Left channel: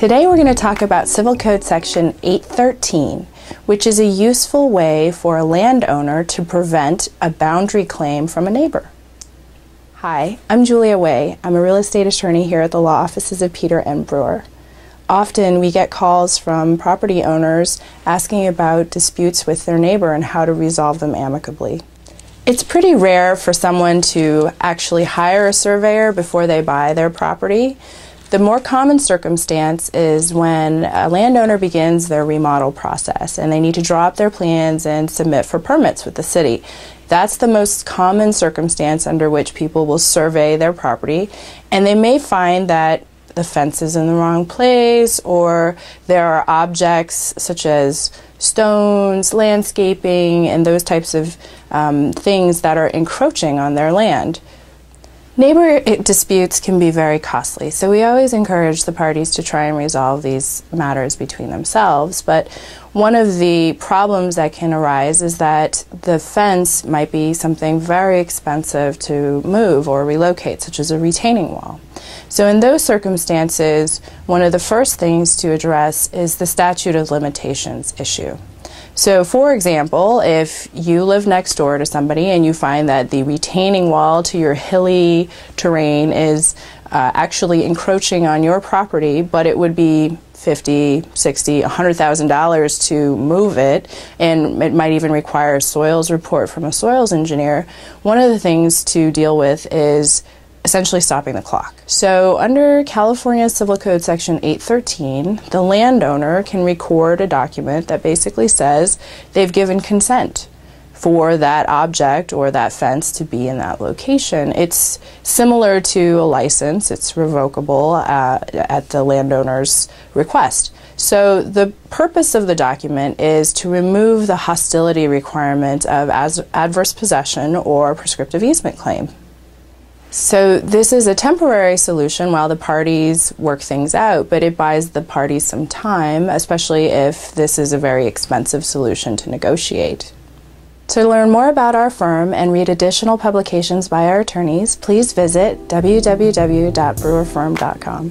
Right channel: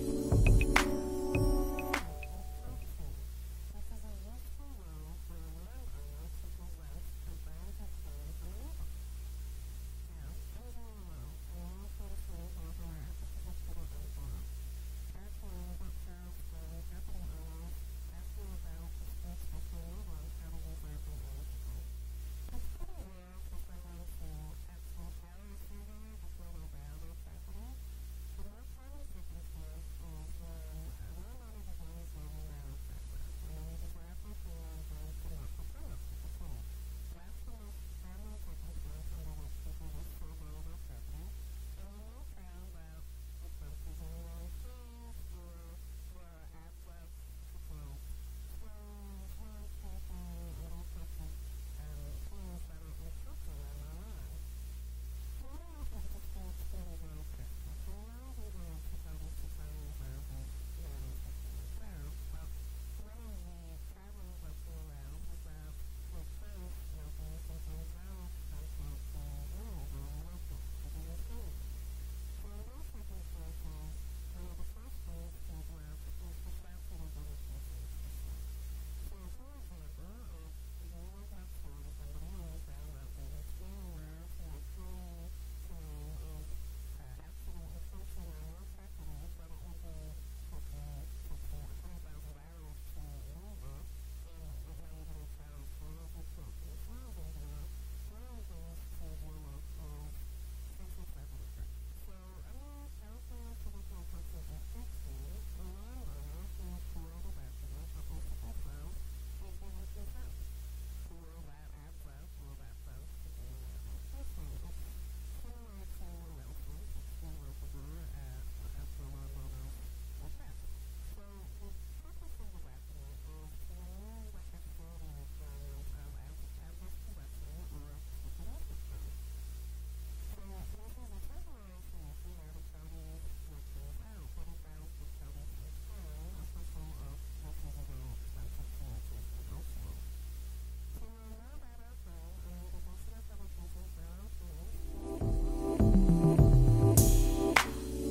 Today we're going to talk about Civil Code Section 813, which is a useful way for a landowner to prevent a boundary claim from a neighbor. Hi, I'm Julia Way. I'm a real estate attorney here at the law offices of Peter M. Brewer. Often we get calls from property owners asking about disputes with their neighbor and how to resolve them amicably. It's pretty rare for someone to actually hire a surveyor before they buy their property. The more common circumstance is when a landowner begins their remodel process and they need to draw up their plans and submit for permits with the city. That's the most common circumstance under which people will survey their property, and they may find that the fence is in the wrong place, or there are objects such as stones, landscaping, and those types of things that are encroaching on their land. Neighbor disputes can be very costly, so we always encourage the parties to try and resolve these matters between themselves. But one of the problems that can arise is that the fence might be something very expensive to move or relocate, such as a retaining wall. So in those circumstances, one of the first things to address is the statute of limitations issue. So for example, if you live next door to somebody and you find that the retaining wall to your hilly terrain is actually encroaching on your property, but it would be $50,000, $60,000, $100,000 to move it, and it might even require a soils report from a soils engineer, one of the things to deal with is essentially stopping the clock. So under California Civil Code Section 813, the landowner can record a document that basically says they've given consent for that object or that fence to be in that location. It's similar to a license. It's revocable at the landowner's request. So the purpose of the document is to remove the hostility requirement of adverse possession or prescriptive easement claim. So this is a temporary solution while the parties work things out, but it buys the parties some time, especially if this is a very expensive solution to negotiate. To learn more about our firm and read additional publications by our attorneys, please visit www.brewerfirm.com.